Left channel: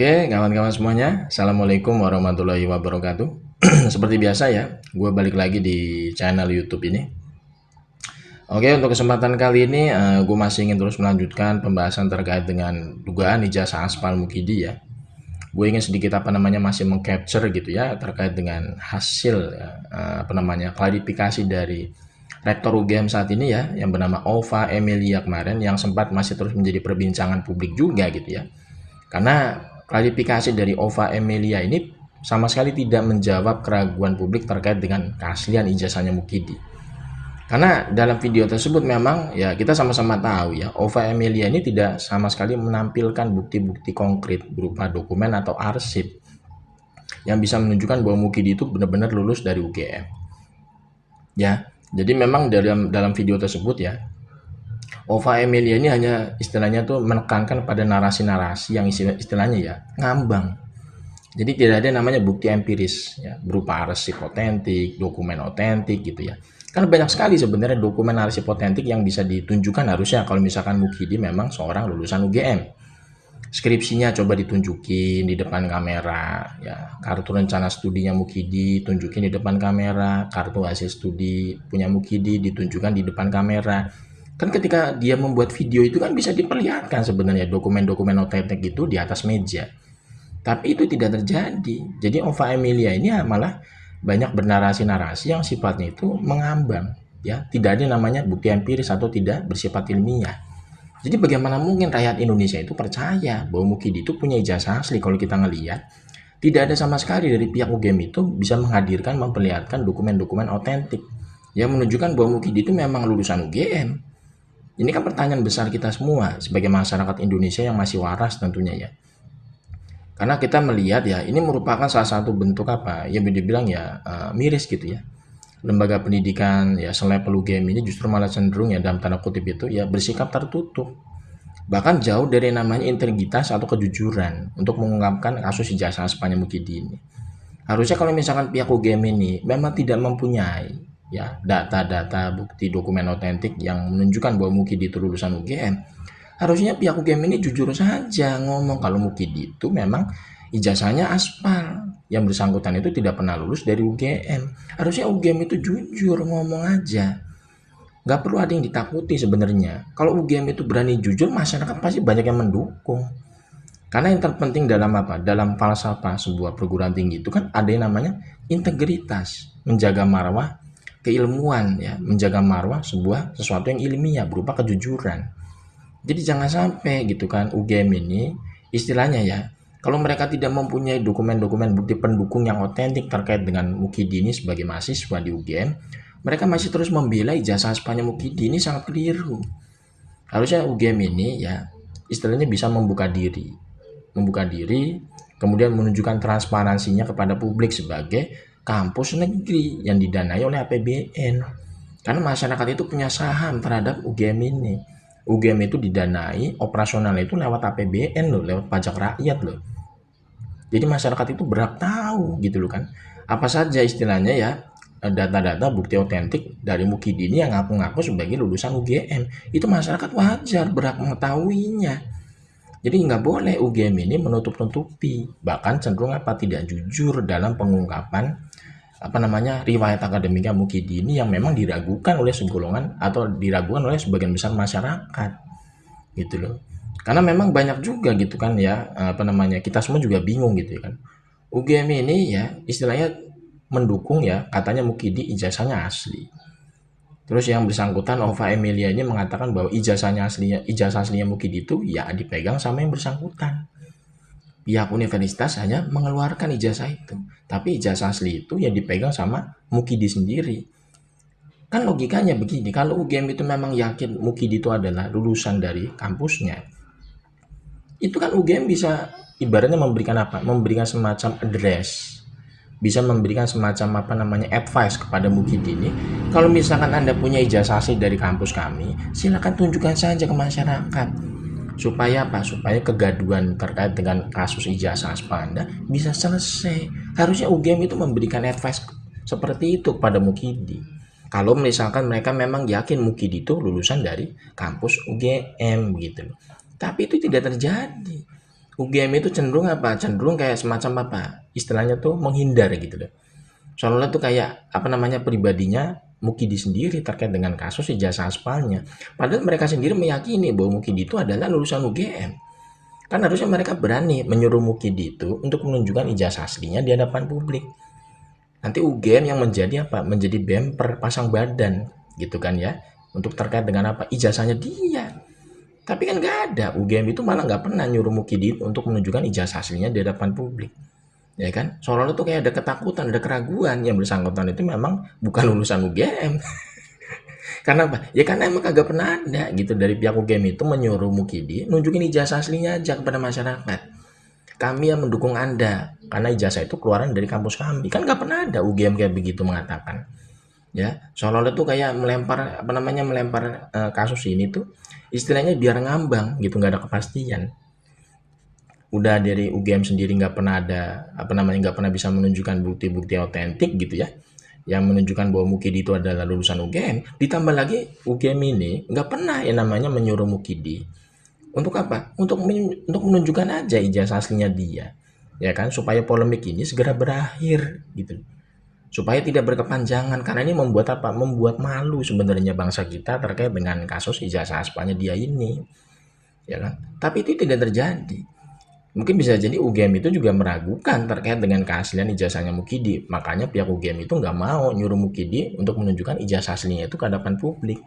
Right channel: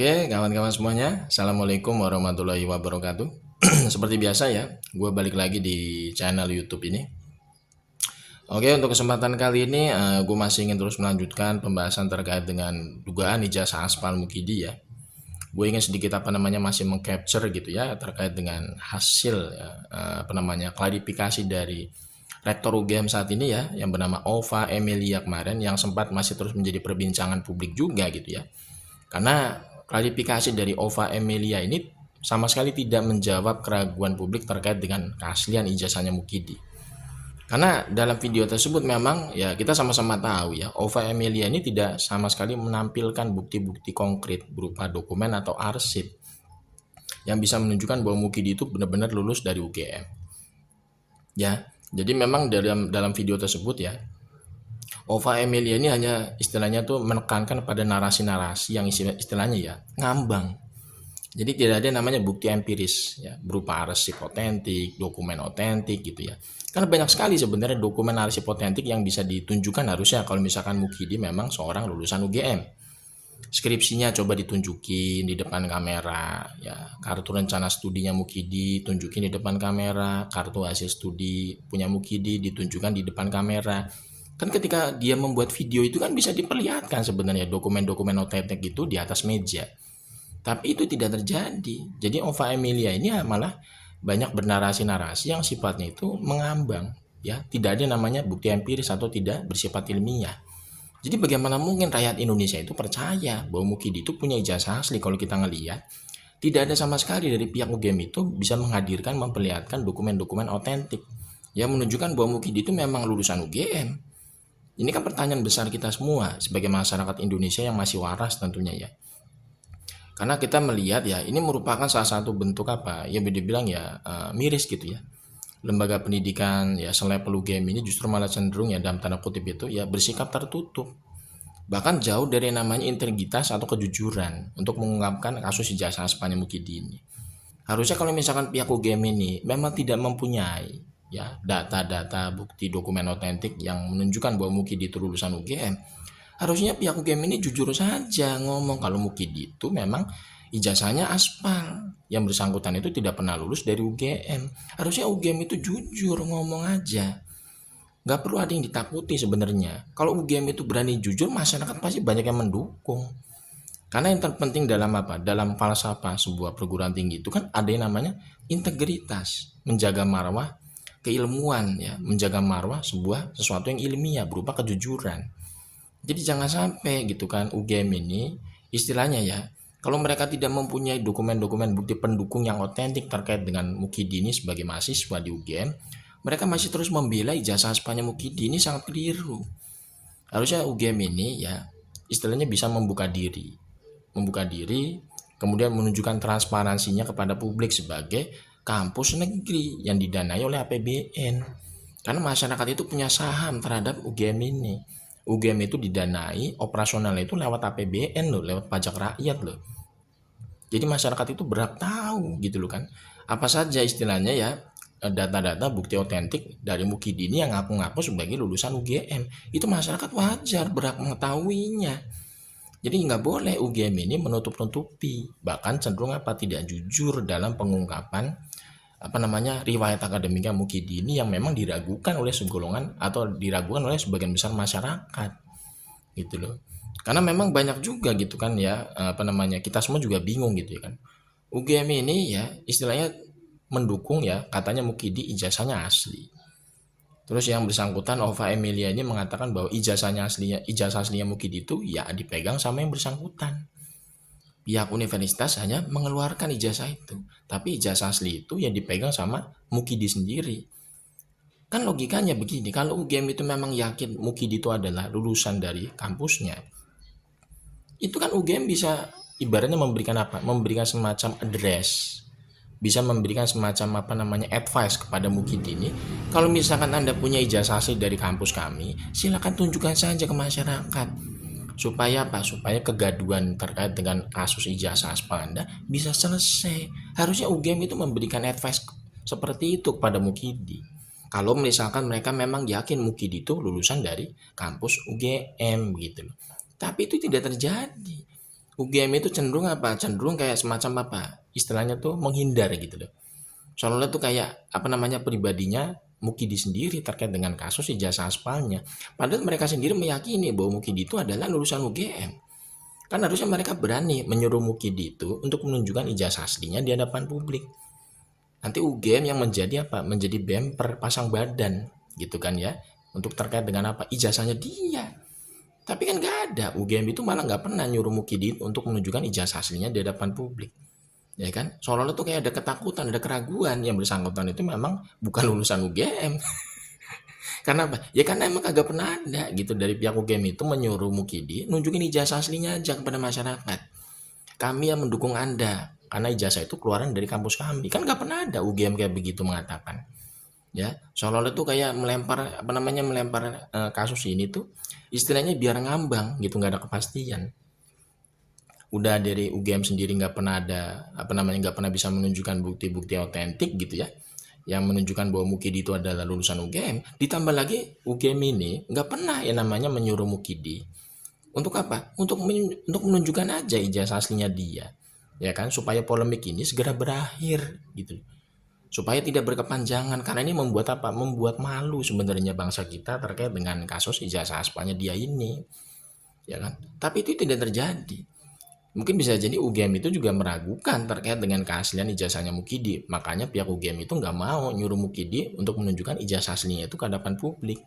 Oke, kawan-kawan semuanya, Assalamualaikum warahmatullahi wabarakatuh. Seperti biasa ya, gue balik lagi di channel YouTube ini. Oke, untuk kesempatan kali ini, gue masih ingin terus melanjutkan pembahasan terkait dengan dugaan ijazah aspal Mukidi ya. Gue ingin sedikit masih mengcapture gitu ya terkait dengan hasil ya, klarifikasi dari Rektor UGM saat ini ya, yang bernama Ova Emilia kemarin, yang sempat masih terus menjadi perbincangan publik juga gitu ya. Karena klarifikasi dari Ova Emilia ini sama sekali tidak menjawab keraguan publik terkait dengan keaslian ijazahnya Mukidi. Karena dalam video tersebut memang ya kita sama-sama tahu ya, Ova Emilia ini tidak sama sekali menampilkan bukti-bukti konkret berupa dokumen atau arsip yang bisa menunjukkan bahwa Mukidi itu benar-benar lulus dari UGM. Ya, jadi memang dalam video tersebut ya, Ova Emilia ini hanya istilahnya tuh menekankan pada narasi-narasi yang istilahnya ya ngambang. Jadi tidak ada namanya bukti empiris ya, berupa arsip otentik, dokumen otentik gitu ya. Karena banyak sekali sebenarnya dokumen arsip otentik yang bisa ditunjukkan harusnya kalau misalkan Mukidi memang seorang lulusan UGM. Skripsinya coba ditunjukin di depan kamera ya, kartu rencana studinya Mukidi tunjukin di depan kamera, kartu hasil studi punya Mukidi ditunjukkan di depan kamera. Kan ketika dia membuat video itu kan bisa diperlihatkan sebenarnya dokumen-dokumen otentik itu di atas meja. Tapi itu tidak terjadi. Jadi Ova Emilia ini malah banyak bernarasi-narasi yang sifatnya itu mengambang ya, tidak ada namanya bukti empiris atau tidak bersifat ilmiah. Jadi bagaimana mungkin rakyat Indonesia itu percaya bahwa Mukidi itu punya ijazah asli kalau kita ngelihat tidak ada sama sekali dari pihak UGM itu bisa menghadirkan memperlihatkan dokumen-dokumen otentik yang menunjukkan bahwa Mukidi itu memang lulusan UGM. Ini kan pertanyaan besar kita semua sebagai masyarakat Indonesia yang masih waras tentunya ya. Karena kita melihat ya ini merupakan salah satu bentuk yang dibilang ya miris gitu ya. Lembaga pendidikan ya selevel UGM ini justru malah cenderung ya dalam tanda kutip itu ya bersikap tertutup. Bahkan jauh dari namanya integritas atau kejujuran untuk mengungkapkan kasus ijazah aspalnya Mukidi ini. Harusnya kalau misalkan pihak UGM ini memang tidak mempunyai ya data-data bukti dokumen otentik yang menunjukkan bahwa Mukidi itu lulusan UGM, harusnya pihak UGM ini jujur saja ngomong kalau Mukidi itu memang ijazahnya aspal, yang bersangkutan itu tidak pernah lulus dari UGM. Harusnya UGM itu jujur ngomong aja, nggak perlu ada yang ditakuti sebenarnya. Kalau UGM itu berani jujur, masyarakat pasti banyak yang mendukung. Karena yang terpenting dalam falsafah sebuah perguruan tinggi itu kan ada yang namanya integritas, menjaga marwah keilmuan ya, menjaga marwah sesuatu yang ilmiah berupa kejujuran. Jadi jangan sampai gitu kan UGM ini istilahnya ya, kalau mereka tidak mempunyai dokumen-dokumen bukti pendukung yang otentik terkait dengan Mukidi ini sebagai mahasiswa di UGM, mereka masih terus membela ijazah aspalnya Mukidi ini sangat keliru. Harusnya UGM ini ya istilahnya bisa membuka diri, kemudian menunjukkan transparansinya kepada publik sebagai kampus negeri yang didanai oleh APBN. Karena masyarakat itu punya saham terhadap UGM ini. UGM itu didanai operasional itu lewat APBN loh, lewat pajak rakyat loh. Jadi masyarakat itu berhak tahu gitu loh kan. Apa saja istilahnya ya data-data bukti otentik dari Mukidi ini yang ngaku-ngaku sebagai lulusan UGM. Itu masyarakat wajar berhak mengetahuinya. Jadi nggak boleh UGM ini menutup-nutupi, bahkan cenderung tidak jujur dalam pengungkapan riwayat akademiknya Mukidi ini yang memang diragukan oleh segolongan atau diragukan oleh sebagian besar masyarakat gitu loh. Karena memang banyak juga gitu kan ya kita semua juga bingung gitu ya kan. UGM ini ya istilahnya mendukung ya katanya Mukidi ijazahnya asli. Terus yang bersangkutan Ova Emilia ini mengatakan bahwa ijazah aslinya Mukidi itu ya dipegang sama yang bersangkutan. Pihak universitas hanya mengeluarkan ijazah itu, tapi ijazah asli itu ya dipegang sama Mukidi sendiri. Kan logikanya begini, kalau UGM itu memang yakin Mukidi itu adalah lulusan dari kampusnya, itu kan UGM bisa ibaratnya memberikan semacam address, bisa memberikan semacam advice kepada Mukidi ini. Kalau misalkan Anda punya ijazah asli dari kampus kami, silakan tunjukkan saja ke masyarakat. Supaya kegaduhan terkait dengan kasus ijazah aspal Anda bisa selesai. Harusnya UGM itu memberikan advice seperti itu kepada Mukidi. Kalau misalkan mereka memang yakin Mukidi itu lulusan dari kampus UGM gitu loh. Tapi itu tidak terjadi. UGM itu cenderung apa? Cenderung kayak semacam apa? Istilahnya tuh menghindar gitu loh. Soalnya tuh kayak apa namanya pribadinya Mukidi sendiri terkait dengan kasus ijazah aspalnya. Padahal mereka sendiri meyakini bahwa Mukidi itu adalah lulusan UGM. Kan harusnya mereka berani menyuruh Mukidi itu untuk menunjukkan ijazah aslinya di hadapan publik. Nanti UGM yang menjadi apa? Menjadi bemper pasang badan gitu kan ya. Untuk terkait dengan apa? Ijazahnya dia. Tapi kan nggak ada. UGM itu malah nggak pernah nyuruh Mukidi untuk menunjukkan ijazah aslinya di hadapan publik. Ya kan? Seolah-olah tuh kayak ada ketakutan, ada keraguan yang bersangkutan itu memang bukan lulusan UGM. Karena apa? Ya karena emang kagak pernah ada gitu dari pihak UGM itu menyuruh Mukidi nunjukin ijazah aslinya aja kepada masyarakat. Kami yang mendukung Anda karena ijazah itu keluaran dari kampus kami. Kan nggak pernah ada UGM kayak begitu mengatakan. Ya, seolah-olah tuh kayak melempar apa namanya melempar kasus ini tuh istilahnya biar ngambang gitu, nggak ada kepastian. Udah dari UGM sendiri nggak pernah ada apa namanya nggak pernah bisa menunjukkan bukti-bukti otentik gitu ya yang menunjukkan bahwa Mukidi itu adalah lulusan UGM. Ditambah lagi UGM ini nggak pernah yang namanya menyuruh Mukidi untuk apa, untuk menunjukkan aja ijazah aslinya dia, ya kan, supaya polemik ini segera berakhir gitu, supaya tidak berkepanjangan. Karena ini membuat apa, membuat malu sebenarnya bangsa kita terkait dengan kasus ijazah aspalnya dia ini, ya kan. Tapi itu tidak terjadi. Mungkin bisa jadi UGM itu juga meragukan terkait dengan keaslian ijazahnya Mukidi. Makanya pihak UGM itu nggak mau nyuruh Mukidi untuk menunjukkan ijazah aslinya itu ke hadapan publik.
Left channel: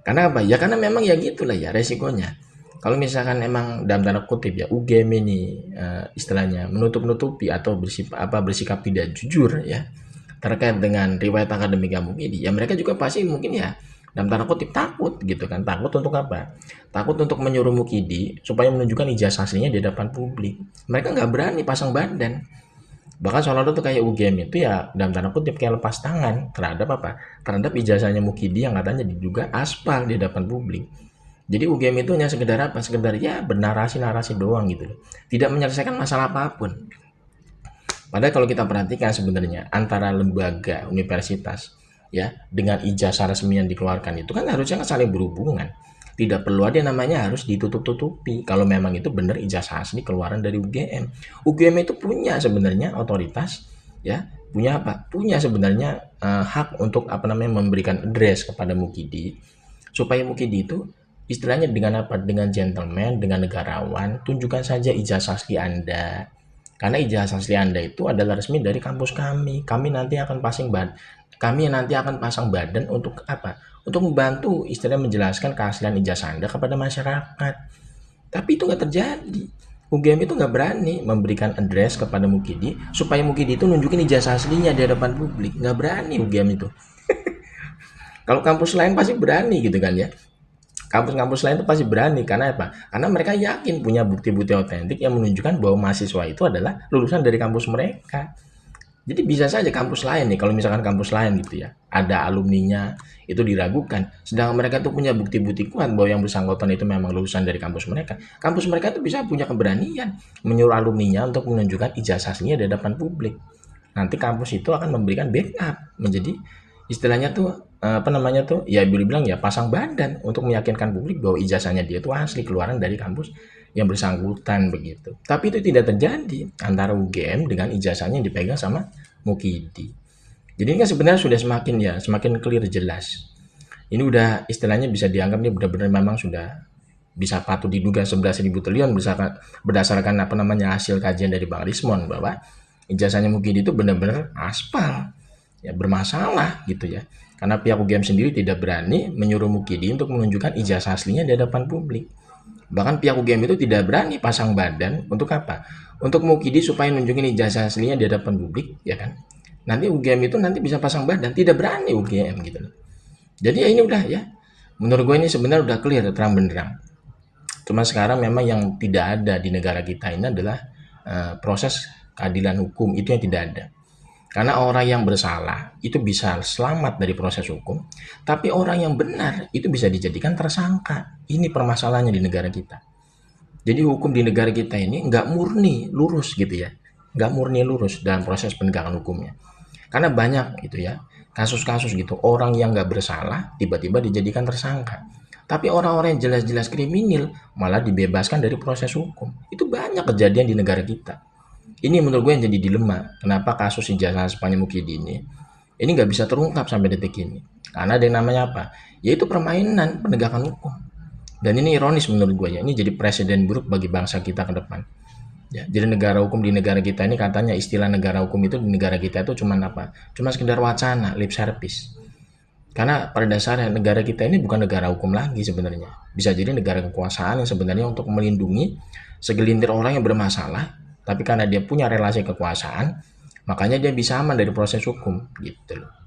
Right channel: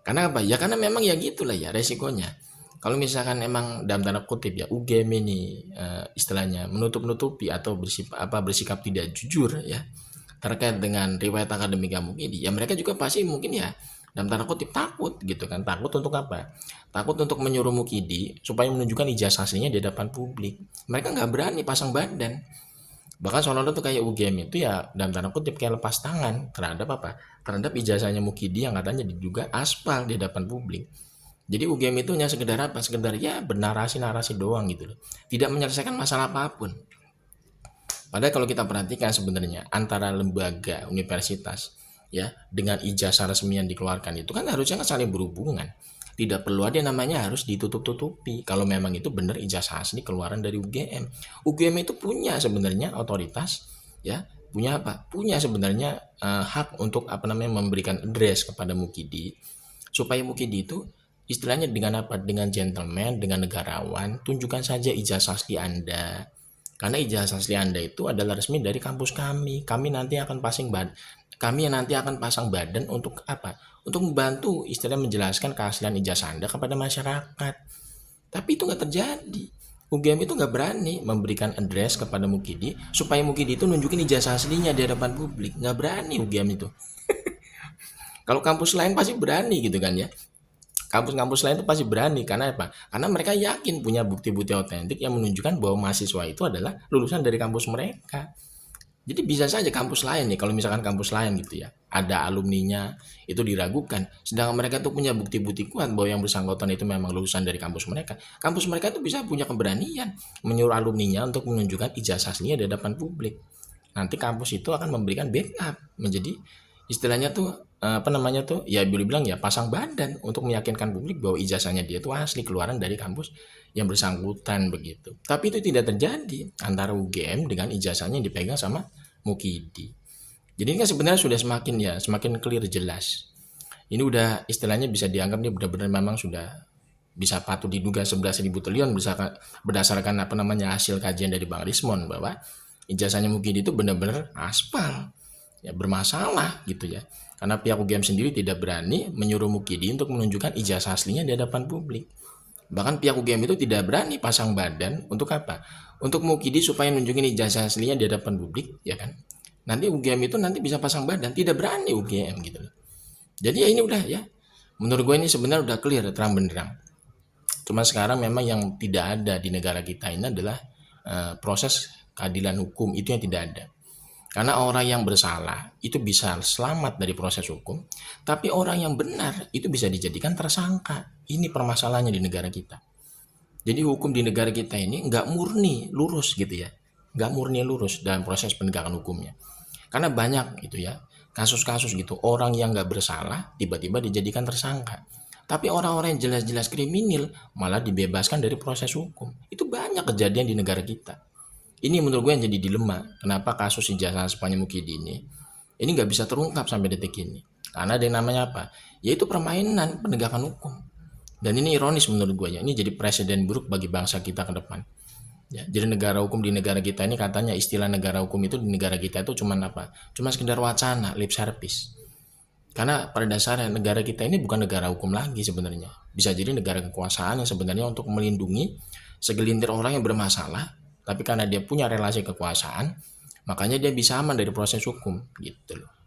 Karena apa? Ya karena memang ya gitulah ya resikonya. Kalau misalkan emang dalam tanda kutip ya UGM ini istilahnya menutup-nutupi atau bersikap tidak jujur ya terkait dengan riwayat akademik Mukidi, ya mereka juga pasti mungkin ya dalam tanda kutip takut gitu kan. Takut untuk apa? Takut untuk menyuruh Mukidi supaya menunjukkan ijazah aslinya di depan publik. Mereka nggak berani pasang badan. Bahkan seolah-olah tuh kayak UGM itu ya dalam tanda kutip kayak lepas tangan terhadap apa? Terhadap ijazahnya Mukidi yang katanya diduga aspal di hadapan publik. Jadi UGM itu hanya sekedar apa? Sekedar ya bernarasi-narasi doang gitu loh. Tidak menyelesaikan masalah apapun. Padahal kalau kita perhatikan sebenarnya antara lembaga universitas ya dengan ijazah resmi yang dikeluarkan itu kan harusnya kan saling berhubungan. Tidak perlu ada namanya harus ditutup-tutupi kalau memang itu benar ijazah asli keluaran dari UGM. UGM itu punya sebenarnya otoritas ya, punya apa? Punya sebenarnya hak untuk apa namanya memberikan address kepada Mukidi supaya Mukidi itu istilahnya dengan apa? Dengan gentleman, dengan negarawan, tunjukkan saja ijazah asli Anda. Karena ijazah asli Anda itu adalah resmi dari kampus kami. Kami nanti akan pasang badan untuk apa? Untuk membantu istilahnya menjelaskan keaslian ijazah Anda kepada masyarakat. Tapi itu nggak terjadi. UGM itu nggak berani memberikan address kepada Mukidi supaya Mukidi itu nunjukin ijazah aslinya di hadapan publik. Nggak berani UGM itu. Kalau kampus lain pasti berani gitu kan ya. Kampus-kampus lain itu pasti berani karena apa? Karena mereka yakin punya bukti-bukti otentik yang menunjukkan bahwa mahasiswa itu adalah lulusan dari kampus mereka. Jadi bisa saja kampus lain nih, kalau misalkan kampus lain gitu ya, ada alumninya itu diragukan. Sedangkan mereka tuh punya bukti-bukti kuat bahwa yang bersangkutan itu memang lulusan dari kampus mereka. Kampus mereka tuh bisa punya keberanian menyuruh alumninya untuk menunjukkan ijazah aslinya di hadapan publik. Nanti kampus itu akan memberikan backup menjadi istilahnya tuh apa namanya tuh ya boleh bilang ya pasang badan untuk meyakinkan publik bahwa ijazahnya dia itu asli keluaran dari kampus yang bersangkutan begitu. Tapi itu tidak terjadi antara UGM dengan ijazahnya yang dipegang sama Mukidi. Jadi ini kan sebenarnya sudah semakin clear jelas. Ini udah istilahnya bisa dianggap nih benar-benar memang sudah bisa patut diduga 11.000 triliun berdasarkan apa namanya hasil kajian dari Bang Rismon bahwa ijazahnya Mukidi itu benar-benar aspal ya bermasalah gitu ya, karena pihak UGM sendiri tidak berani menyuruh Mukidi untuk menunjukkan ijazah aslinya di hadapan publik. Bahkan pihak UGM itu tidak berani pasang badan untuk apa, untuk Mukidi supaya nunjukin ijazah aslinya di hadapan publik ya kan. Nanti UGM itu nanti bisa pasang badan, tidak berani UGM gitu loh. Jadi ya ini udah ya, menurut gue ini sebenarnya udah clear terang benderang. Cuma sekarang memang yang tidak ada di negara kita ini adalah proses keadilan hukum, itu yang tidak ada. Karena orang yang bersalah itu bisa selamat dari proses hukum, tapi orang yang benar itu bisa dijadikan tersangka. Ini permasalahannya di negara kita. Jadi hukum di negara kita ini nggak murni lurus gitu ya, nggak murni lurus dalam proses penegakan hukumnya. Karena banyak itu ya kasus-kasus gitu orang yang nggak bersalah tiba-tiba dijadikan tersangka. Tapi orang-orang yang jelas-jelas kriminal malah dibebaskan dari proses hukum. Itu banyak kejadian di negara kita. Ini menurut gue yang jadi dilema. Kenapa kasus Ijazah Spani Mukidi ini nggak bisa terungkap sampai detik ini? Karena ada yang namanya apa? Yaitu permainan penegakan hukum. Dan ini ironis menurut gue ya. Ini jadi presiden buruk bagi bangsa kita ke depan. Ya, jadi negara hukum di negara kita ini katanya istilah negara hukum itu di negara kita itu cuma apa? Cuma sekedar wacana, lip service. Karena pada dasarnya negara kita ini bukan negara hukum lagi sebenarnya. Bisa jadi negara kekuasaan yang sebenarnya untuk melindungi segelintir orang yang bermasalah, tapi karena dia punya relasi kekuasaan, makanya dia bisa aman dari proses hukum gitu loh.